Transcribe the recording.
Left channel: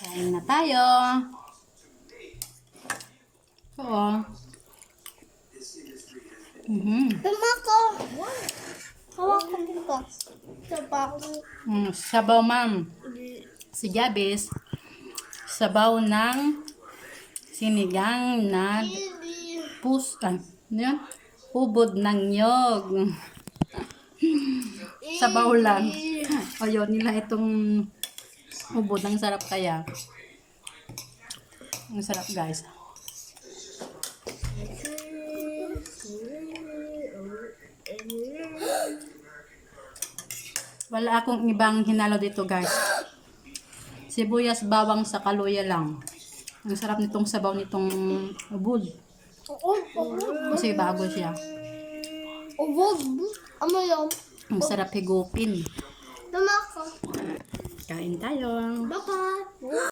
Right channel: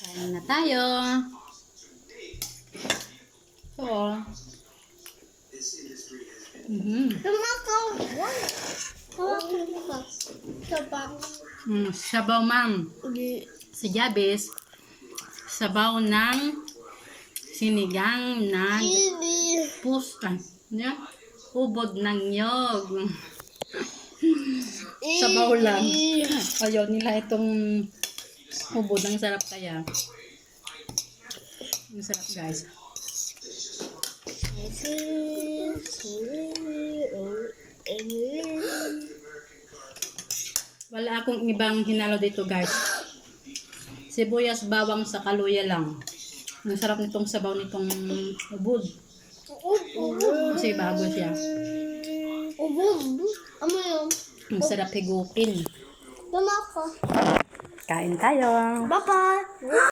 Kain na tayo. Oo. Sabaw, ma'am. Si Jabis, sabaw ng sinigang na ubod ng nyog. Sabaw lang. Ayaw nila itong ubod. Ang sarap kaya. Ang sarap, guys. Wala akong ibang hinalo dito, guys. Sibuyas, bawang sa kaluya lang. Ang sarap nitong sabaw nitong ubod. Kasi bago siya. Ang sarap higupin. Kain tayo. Bye-bye.